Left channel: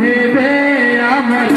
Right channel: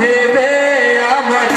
হেবে আমার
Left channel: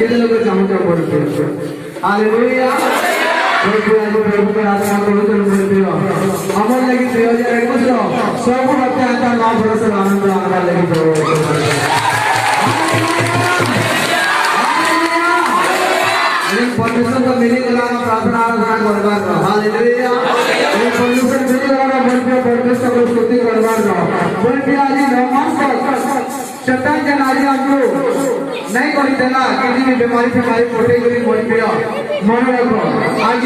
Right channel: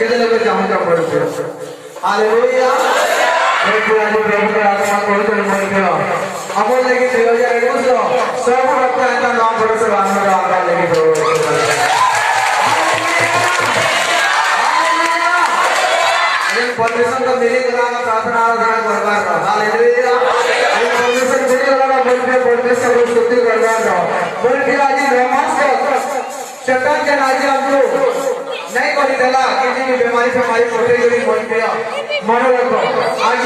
kita lakukan jamu-jamu berdoa. Haleluya. Berdoa berdoa sama Tuhan berdoa. Amal lagi 2021 semua apa yang kita lakukan bersama amal lagi berdoa. Ini permission तो मिली तो ना प्रार्थना आराधना करवार रहा hallelujah ये परमेश्वर मिली और ना बोलते परमेश्वर को स्तुति करवार रहा बोलते आज नमाज को शैतान के नारी हम लोग नहीं करी देला किसी भी बीमारी फेमारी कोटे गरी मन प्रिय मन रखो आज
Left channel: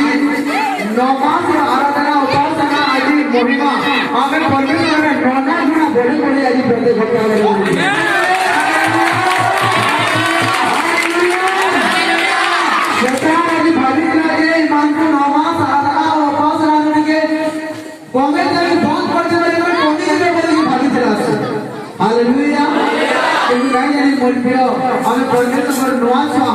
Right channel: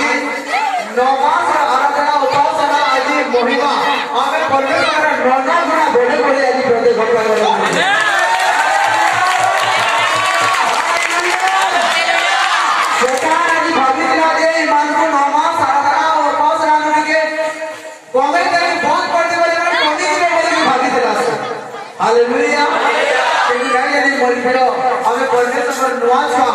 9 मास आराधना उपासना आज महिमा हमें परमेश्वर ने 9 गुना बढ़े बढ़े आज प्रत्येक भक्त हालेलुया क्योंकि गाइस यानी बोलबेलो हमें परमेश्वर नुआस हो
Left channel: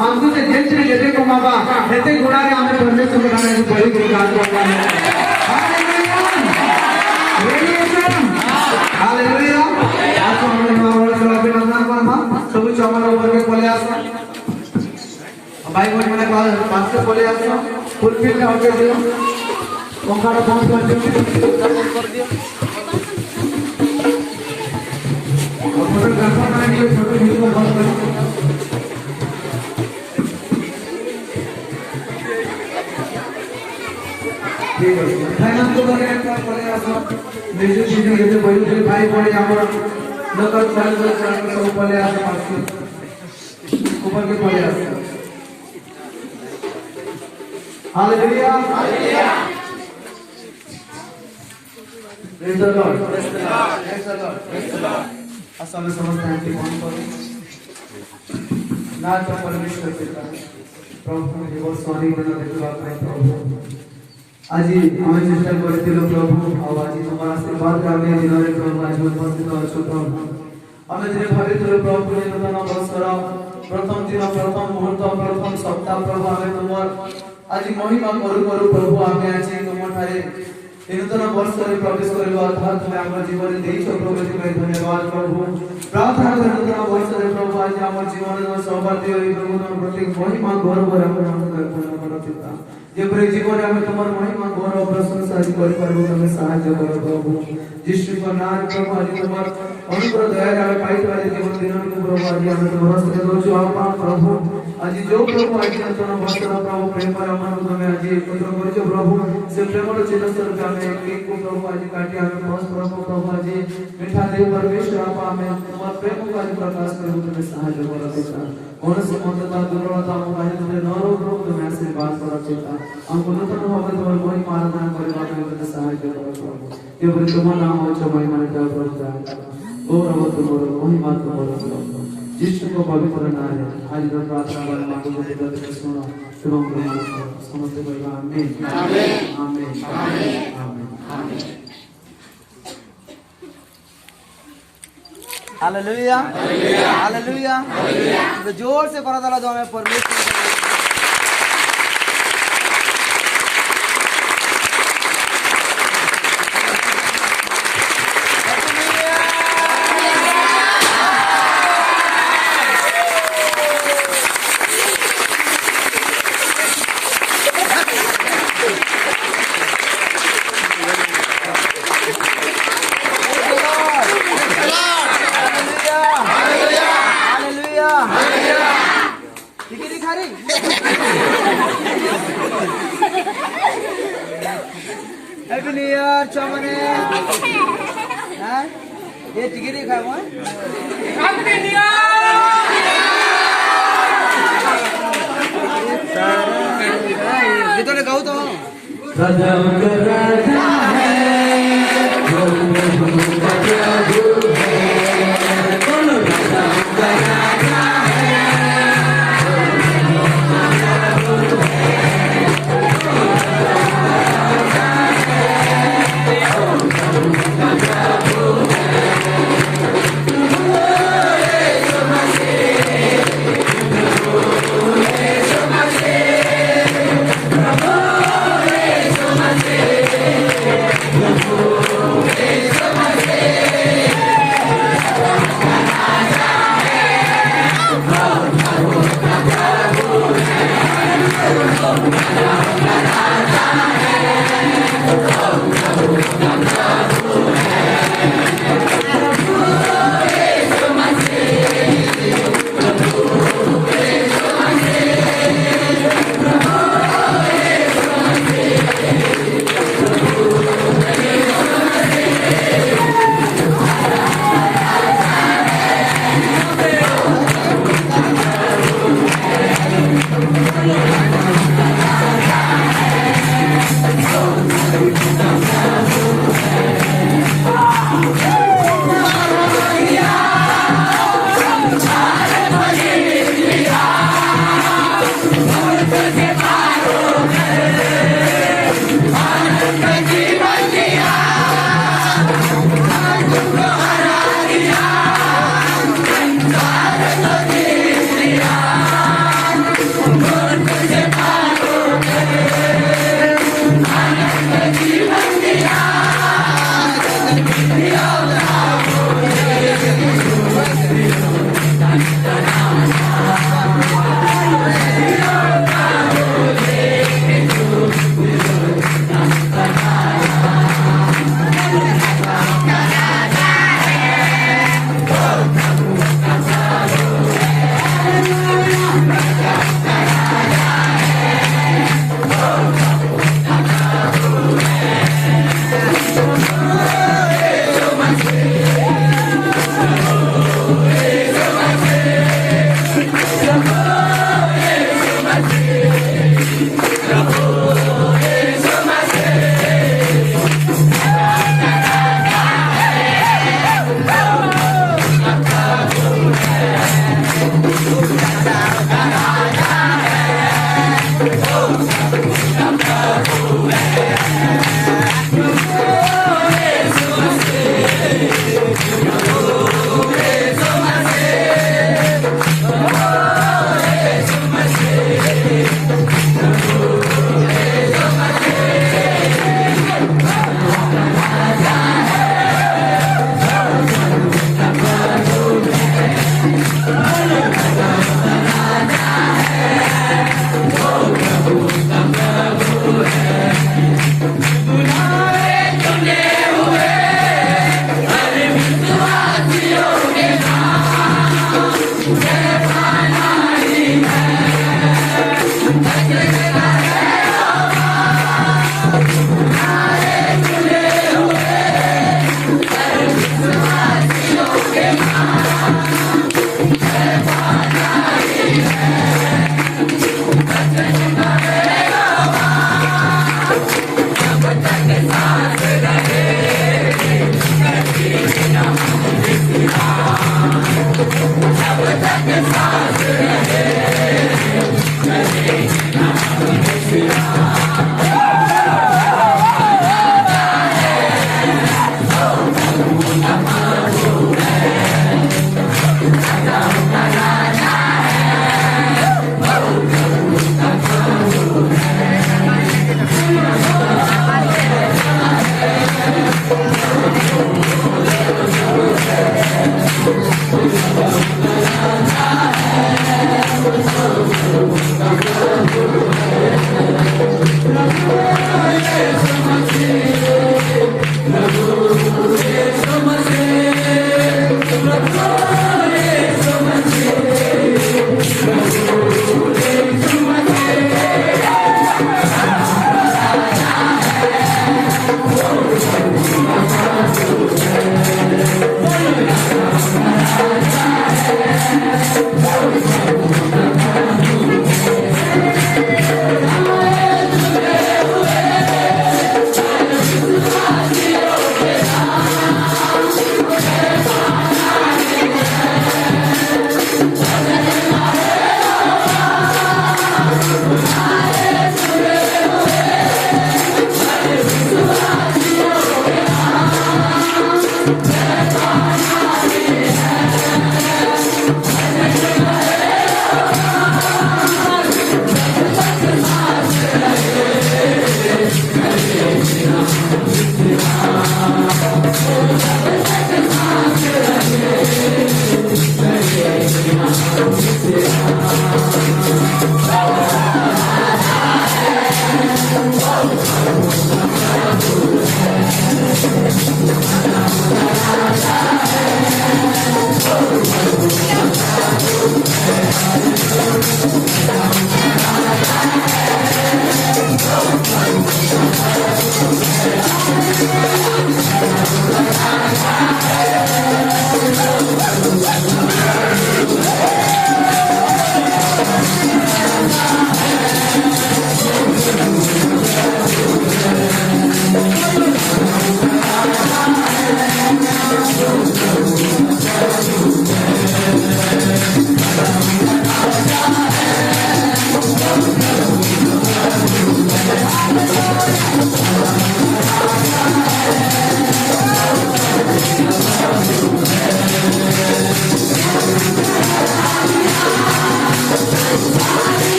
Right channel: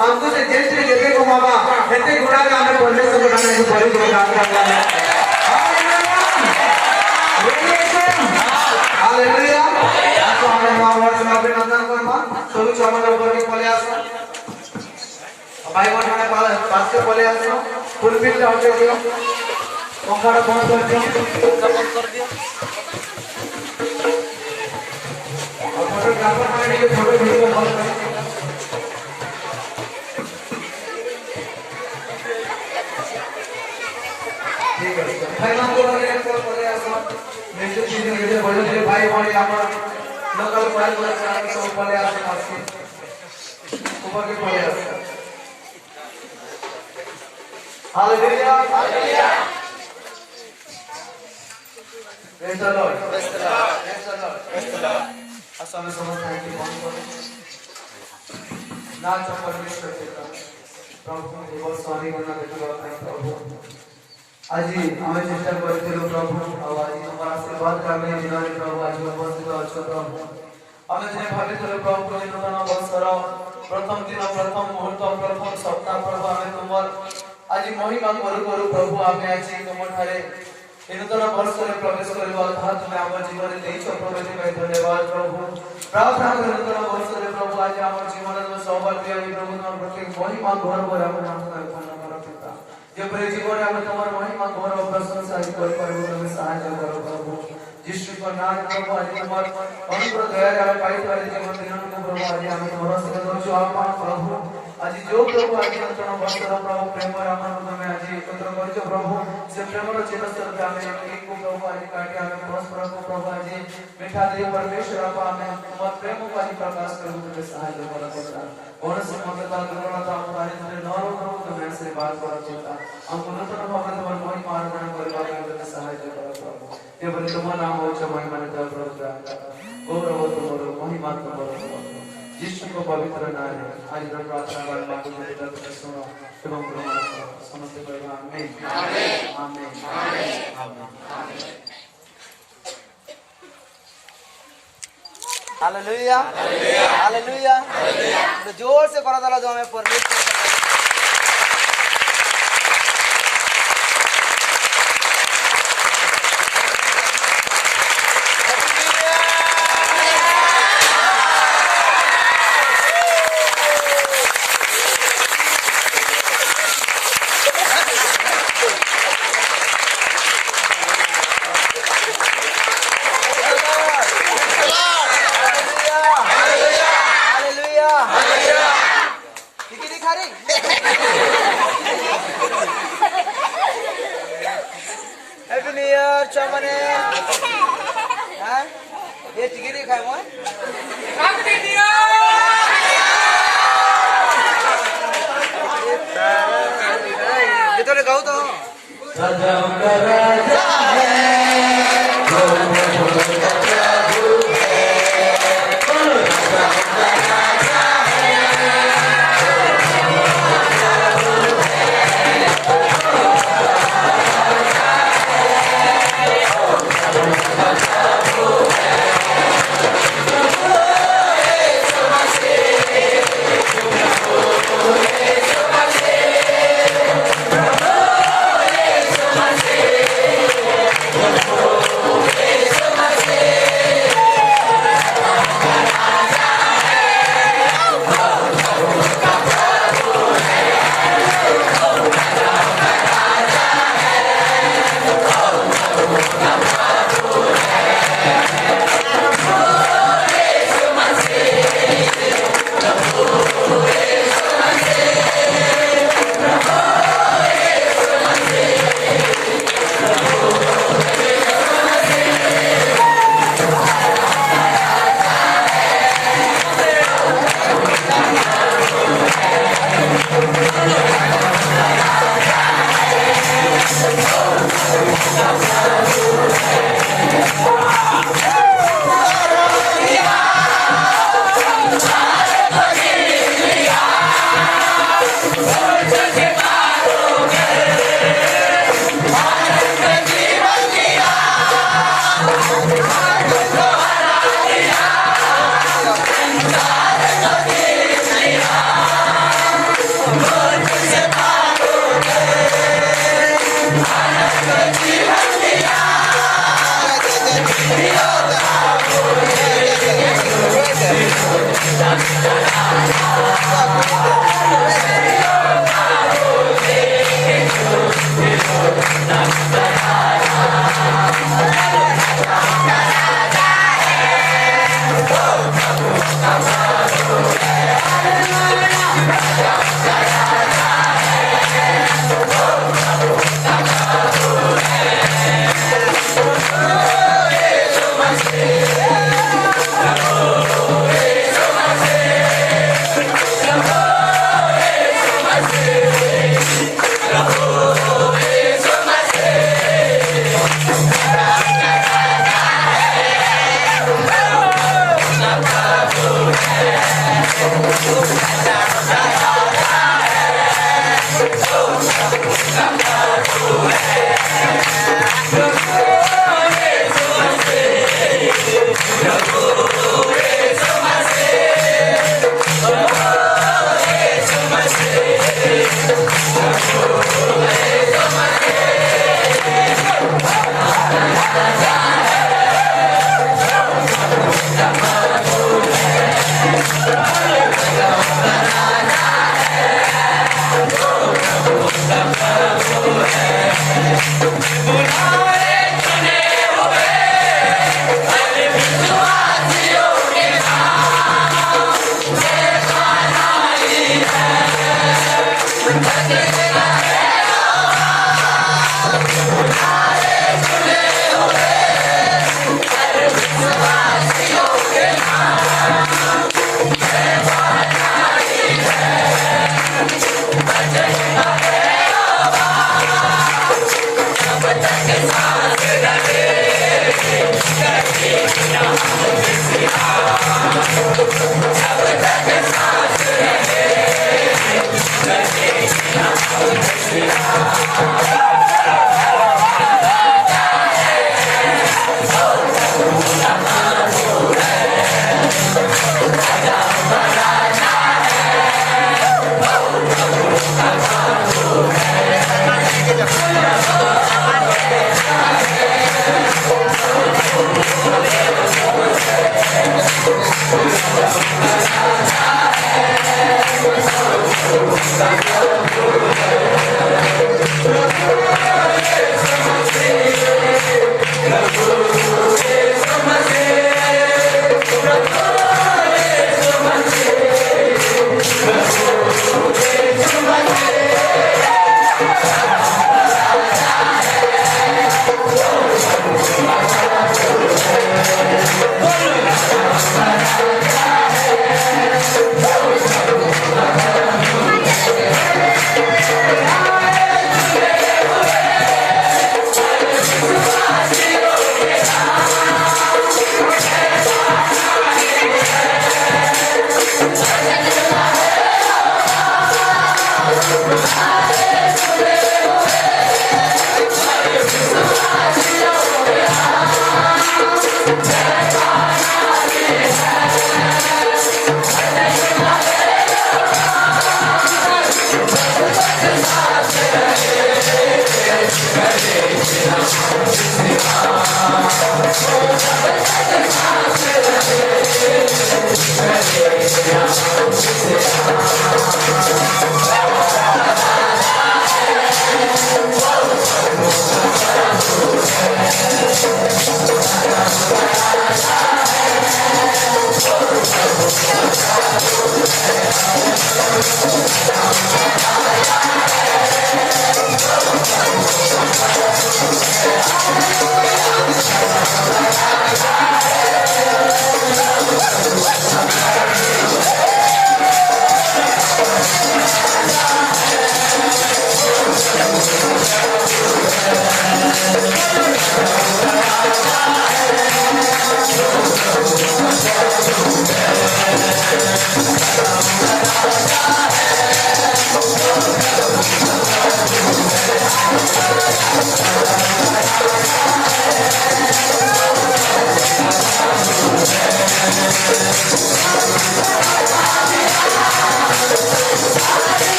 हमको से जेसे देखे को माबा हेते गुडा के हमें परमेश्वर को गाने को बड़ी प्रोग्राम करता है हालेलुया आज हमें नवाज में अभिनंदन करना सब चावल ऊपर के पले आसो भाई बोल मैंने पास के पले आसो फुलफिल का ऑर्डर दियो ओंकार बंद कर दियो फोटोग्राफर मैंने ये फोटो वीडियो बंद कर ठीक है भाई नाम को बंद कर पड़े आसो म्यूजिक चीज के बोलो तेरे भाई बोले यहां पर लोकल क्लास से सब पले आसो पास के ऊपर के पले आसो hallelujah hallelujah praise the Lord praise the Lord praise the Lord praise the Lord Assam समस्त है कि कौन करो ना तो परमेश्वर पिता प्रभु ने बहुत स्वामी गुना देता है प्रभु आज हमें चेष्टा करते हो प्रभु और आज हमारा आशीर्वाद करने जीवन प्रभु आज उपस्थित हो प्रभु हमें जिन्हें पवित्र प्रभु ने नूतन अवसर प्रथम दिन प्रथम मुहूर्त प्रथम सप्ताह प्रभु हमें तुमर आज महिमा करू करू प्रभु हमें आज तुम ठारे नूतन वर्ष में प्रवेश करबा अर्थात तुम्हें आम जीवन देइछ प्रभु एथि धन्यवाद प्रभु प्रार्थना कर नूतन वर्ष में प्रभु आज आम जीवन में सौभाग्य होई प्रभु तुम प्रत्येक महिमा गौरव हम नाम पूर्ण करो पिता जे प्रे जीवन में तुम्हार महिमा गौरव प्रशंसा कर प्रभु तुम्हें सहायता करो प्रभु यीशु का नाम प्रभु आज तुम्हार अनुग्रह दया का पाइप वाले जीवन दिनों को प्रभु आज हम तुम्हारा से दो आत्मा प्रभु आज जो प्रभु आज नूतन वर्ष प्रभु प्रेम रामन तुम्हें आज एकत्र करजो प्रभु से प्रेम चिरस्तर का में को प्रभु आज काटे हमें बस प्रभु आज मीठा देव परमेश्वर आप हमें तुम्हारे प्रेम को आज प्रकाश कर तुम्हें सहायता करो पिता और समता दुर्बलता हम आज तुम्हें नरो प्रभु तुम्हें आशीर्वाद करो पिता हमको नूतन भाव तुम्हारे कोई आराधना करने के लिए सहायता करो प्रभु केवल तुम्हारा नाम हो महिमा देव प्रभु गौरव तुम्हारे महिमा तुम्हारे यीशु को पवित्र नाम है आज मैं प्रार्थना करना आपको पिता से सुना एवं ग्रहण करो समस्त भाई आमीन आमीन आमीन आमीन हालेलुया हालेलुया तो जोर से करा ताला जो हमें परमेश्वर Happy New Year, Chamane. हाँ, ये टिकट ही खाऊँ Happy New Year. ये तो निकाल तो. राजा उनका राजा Hey! Thank you.